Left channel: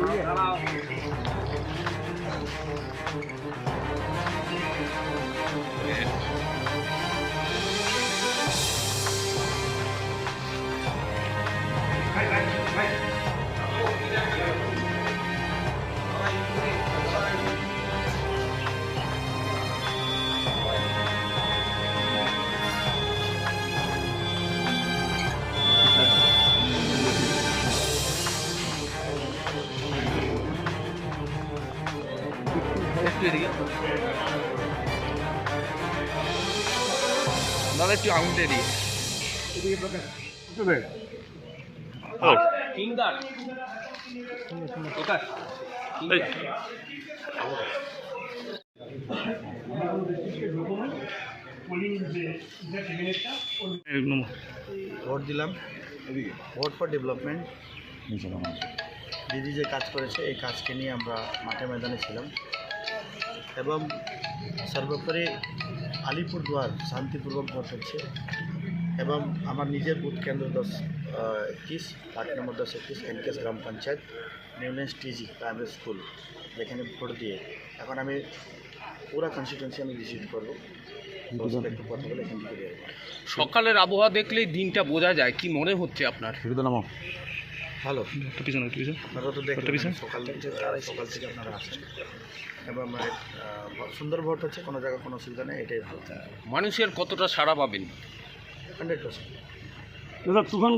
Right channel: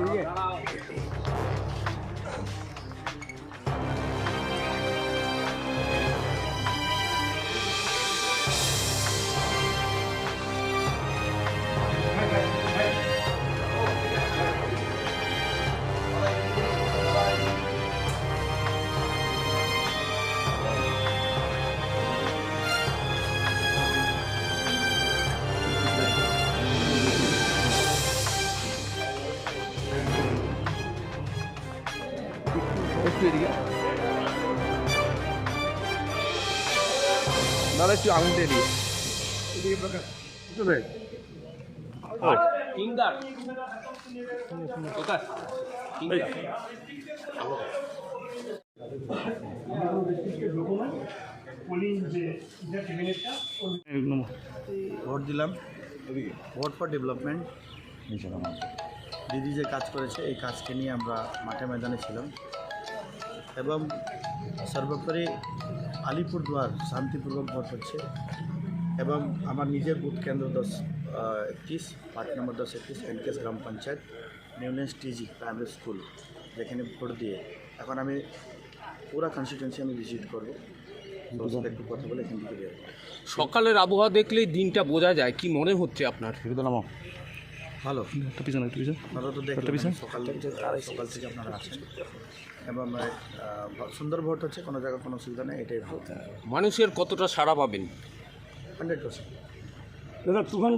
开开开！একটু এদিকে। দাদা একটু আঙুলটা এদিকে ভোট দিলাম। Vote for development. দিদি যে কাজ করেছে এই কাজকে নিয়ে আমরা মাঠে ময়দানে ছিলাম। এবং সর্বোপরি আলিপুরদুয়ার শান্তিপূর্বক ভোট হচ্ছে এবং আমার নিজের বুথ কেন্দ্র দশ একত্রিশ পার্ট নম্বর দশ একত্রিশ এনকেস গ্রাম পঞ্চায়েত নিউনেস টিজি প্রাইমারি স্কুল যেখানে ভোট দিয়ে। এখন আমি পুরা কনস্টিটুয়েন্সি আমি ভিজিট করব। একটু কথা বলে এখান থেকে সকালের আবহাওয়া দেখলেই দিনটা বোঝা যায়। কি মনে হচ্ছে আপনার? ভালো। পিছনে একটা পিছনে। আপনারা তো দেখলেন সকাল থেকে সকাল থেকে আপনারা আসেন এবং মানে সুন্দর ভোট হচ্ছে কোনো জায়গায় কোনো অসুবিধা নেই এটাই ভোট মানুষের কতটা সাড়া পাবেন? Hundred percent. দাদা তুফান